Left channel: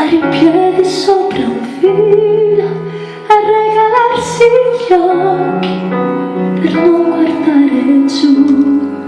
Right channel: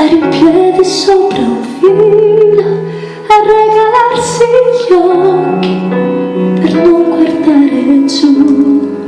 stare in piedi sopra un filo e regalarsi gli occhi per non guardare giù.